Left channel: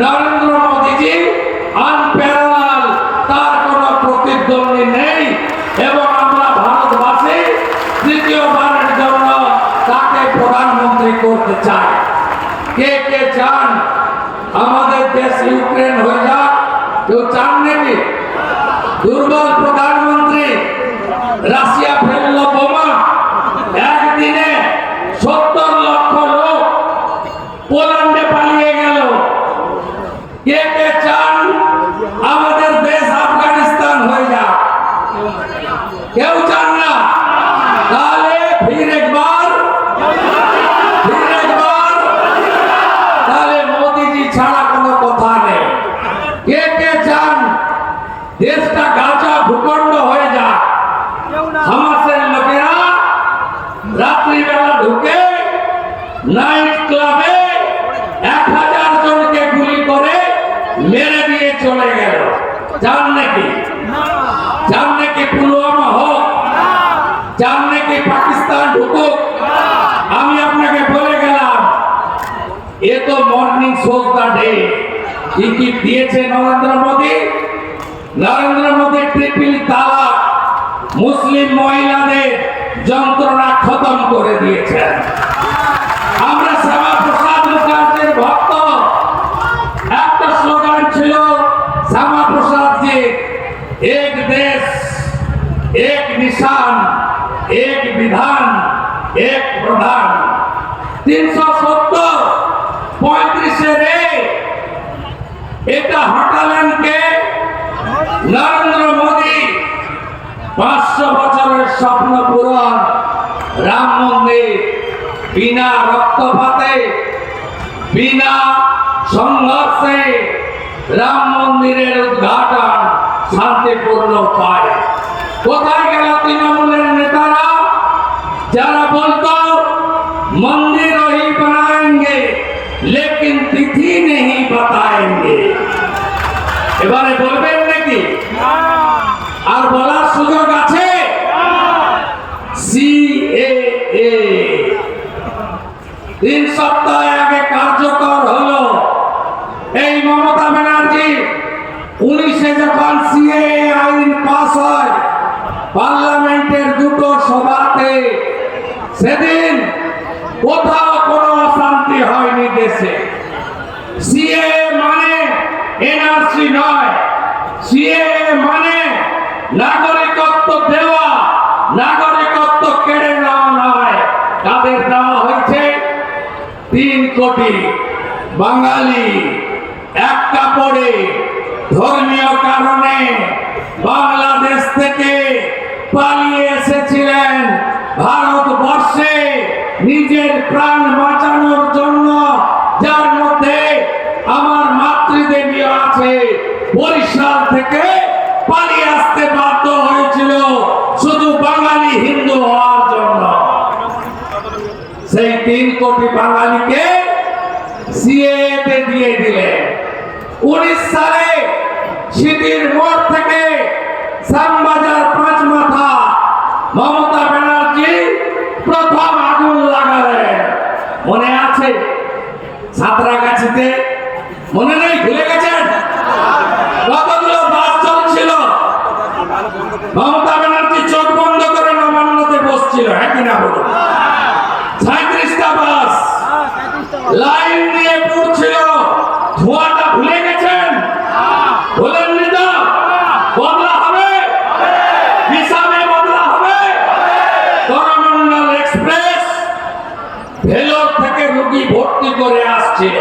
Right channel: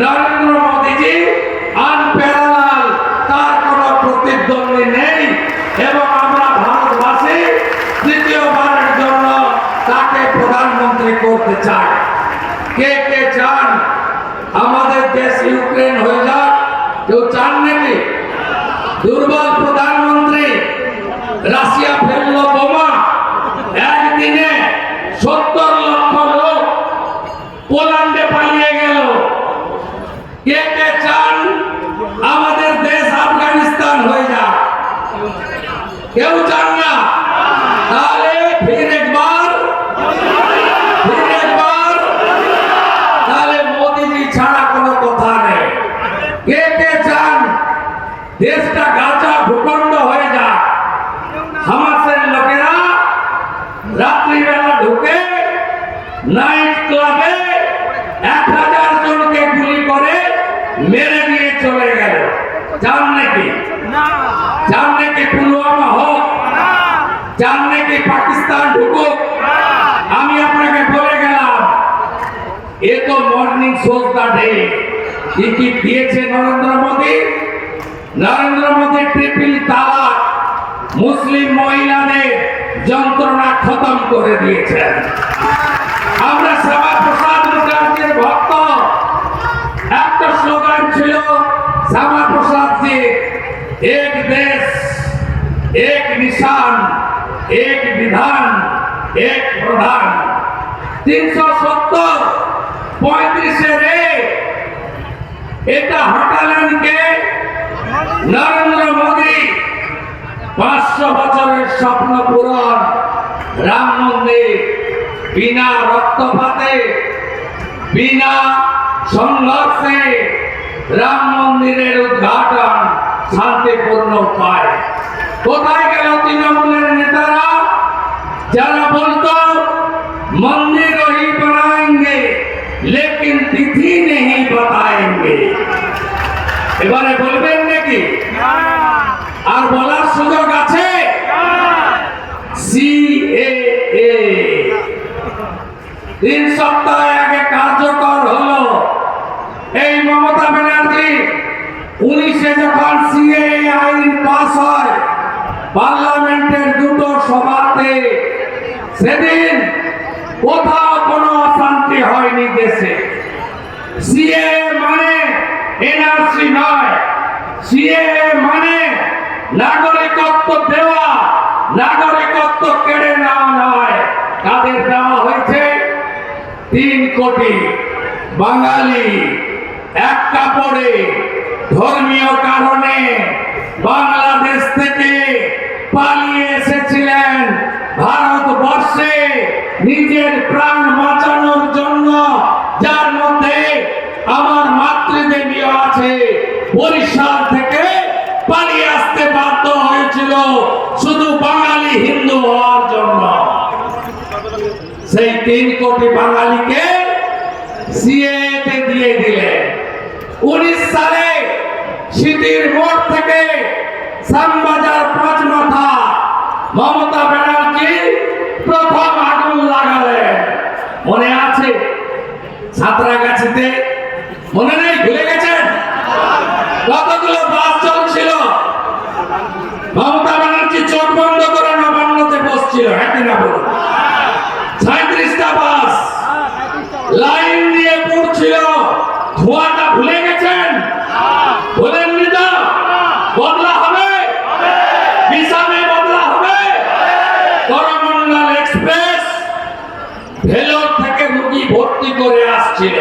নরেন্দ্র মোদীজি আনপ্যারাল তার কোনো প্রতিদ্বন্দ্বী নেই। এবং আমরা ভারতবাসী তৃতীয়বারের জন্য তাকে প্রধানমন্ত্রী করতে চাই। কে কে চান? আমাদের দেশ ইউক্রেন হয়ে যাক। কেউ চান নাকি দুর্বল প্রধানমন্ত্রী রাশিয়া ফেলল বোমা একদিনে সত্তর লক্ষ লোক পোল্যান্ডে পালিয়ে গেল কে কে চান আমাদের দেশ আফগানিস্তান হয়ে যাক কেউ চান না তাহলে ফির একবার ফির একবার তাহলে মোদিজি ছাড়া কোনো কথা নেই কে কে চান দেশটা গাজা ভূখণ্ড হয়ে যাক হামাসের লোকেরা রাত্রিবেলা ঢুকে নাইট ক্লাবে এক হাজার জনকে গুলি করে মেরে দিয়ে চলে গেল। চান নাকি? চান নাকি পুলওয়ামা হোক? চান নাকি পাকিস্তান ঢুকুক? আমি আপনাকে বলে গেলাম, এ তো মর্নিং শোজ দা ডে কি দিয়েছে নরেন্দ্র মোদী। নরেন্দ্র মোদী ট্রিপল তালাক। মুসলিম মহিলাদের যন্ত্রণা খতম করে দিয়েছেন। আমরা শ্যামা প্রসাদ মুখার্জির ভক্ত। একটা স্লোগান ছিল শ্যামা প্রসাদ জি, এক দেশ, এক নিশান, এক বিধান, এক প্রধান। তিনশো সত্তর পঁয়ত্রিশে রে এটা হটালেন কে নরেন্দ্র পাঁচশো বছরের স্বপ্ন পূরণ রাম মন্দির বিনা রক্তপাতে বিনা সংঘর্ষে রাম মন্দিরের উদ্ঘাটন শান্তিপূর্ণ উপায় কোথায় গেল তৃণমূলের নেতারা যারা বলতো मंदिर वही बनाएंगे लेकिन तिथि नहीं बताएंगे এবারে বলবেন নাকি সপ্তাহ আগে কার্যকর হলো। এই মমতা ব্যানার্জি উনিশে যখন সিএ আইন পাস হয়, পার্লামেন্টের দুটো সভাতে সেদিন কোথাও কোনো অশান্তি হয়নি দেশে। সিএ মানে এনআরসি নয়। সিএ মানে নাগরিকত্ব দেওয়া, নাগরিকত্ব কেড়ে নেওয়া নয়। তাদের দেওয়া হয়েছে তিন কোটি বাঙালি এক কাপড়ে ধর্মীয় কারণে বাংলাদেশ থেকে পালিয়ে এসেছিলেন ভারতবর্ষে নিজের প্রাণ বাঁচানোর জন্য, যার মধ্যে আমার মাতৃদেবী আছে, বরিশাল থেকে পালিয়ে আসতে বাধ্য হয়েছিল। সেই তিন কোটি বাঙালিকে সিএতে দিয়ে দিলেন উনিশ সালে সিটির মোড় থেকে শ্যামবাজার পাঁচ মাথা মমতা ব্যানার্জি প্রথম আগুন লাগালেন মনে আছে সাঁতরাগাছিতে মনে নেই ভুলে গেছেন কতগুলো বাস চলছিল মমতা ব্যানার্জি চোখ বন্ধ করে নবান্নতে বসছিল হ্যাঁ কিনা বলুন সাঁত্রিশটা বাস লাইন দিয়ে পড়ছিল ধোঁয়াটা ভুলে গেছেন? ভুলেননি তো? বদলা হবে? বিশালে বদলা হবে? করমন্ডল এক্সপ্রেস ভেলোর থেকে রুগী ভর্তি করে আসছিল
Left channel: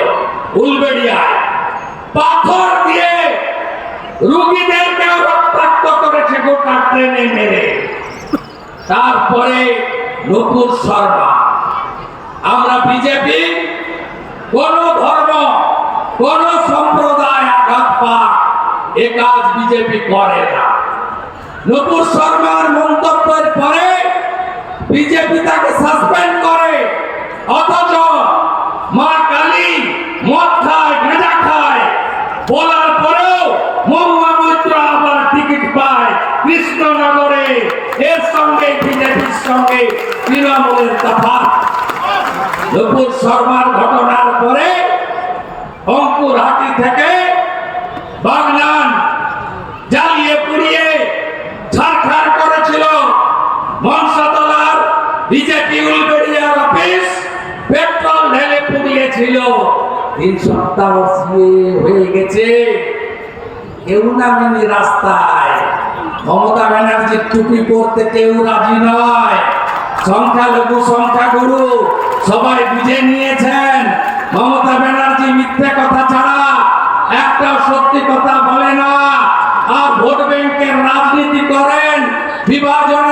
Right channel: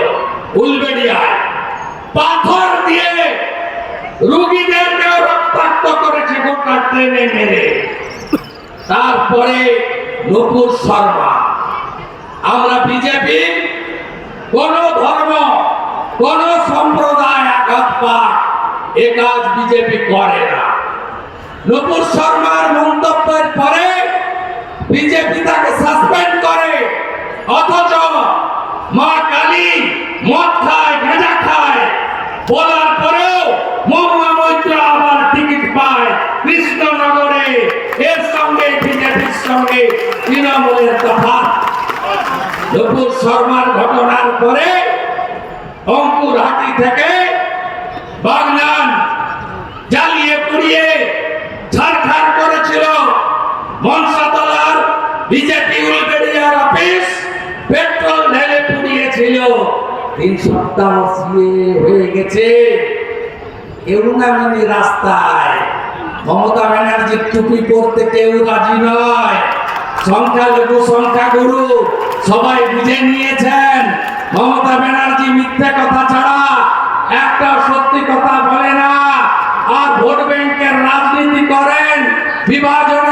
উলবেড়িয়ায়। পাথর দিয়ে রুগীদেরকেও রক্তাক্ত করেছে গোটা ট্রেনে মেরে। তারপরে নুপুর শর্মা। আমরা বিজেপি কোন ধর্ম, কোন সম্প্রদায় আঘাত পাক, এ কাজ বিজেপি করে না। নুপুর শর্মার মন্তব্যের পরে বিজেপি তাকে সাসপেন্ড করে। অথচ মা কালী মদ খায়, গাঁজা খায়। বলার পরেও মহুয়া মৈত্র আবার টিকিট পায় কৃষ্ণনগরে। এর সঙ্গে বিজেপির সঙ্গে তৃণমূলের তফাৎ। নুপুর শর্মার ঘটনার পরে অঙ্কুর গৌরহাটি থেকে বাগনান জ্বালিয়ে পুড়িয়ে ছাড়খাড় করেছিল। মনসাতলার বিজেপি উলবেড়িয়ার অফিস পেট্রোল ঢেলে পুড়িয়েছিল। তিন সপ্তাহ হয়ে গেছে। কেউ নামেনি রাস্তায় মমতা ব্যানার্জির টুপি করতে কেউ রাজি নয়। সংখ্যালঘু, সংখ্যাগুরু সবাই বুঝে নিয়েছেন। মমতা ব্যানার্জি মিথ্যে কথা ছাড়া একটা সত্যি কথা বলে না। আর ভোট ব্যাংকের রাজনীতি করেন বিভাজন